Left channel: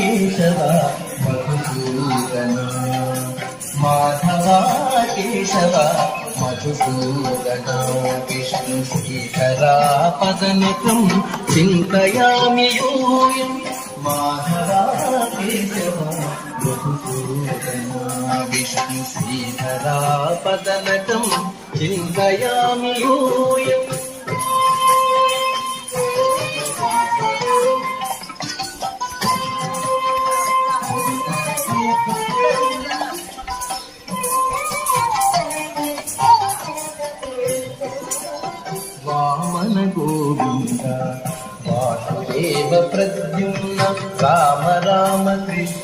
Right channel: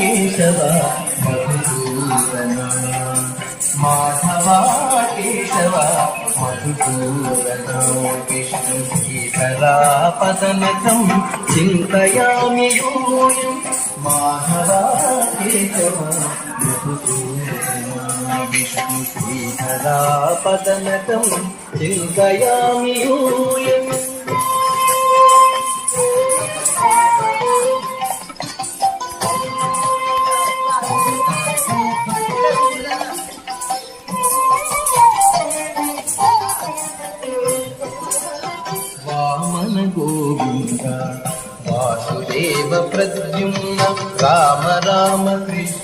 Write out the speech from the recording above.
Keshava Madhusudana Madhava Keshava Madhusudana Vishnu శ్రీకరా పదనకం చింతయామి యూయం Madhava Keshava Madhusudana Vishnu శ్రీకరా పదనకం చింతయామి యూయం Vamana Govinda Vasudeva Pradyumna Rama Rama Krishna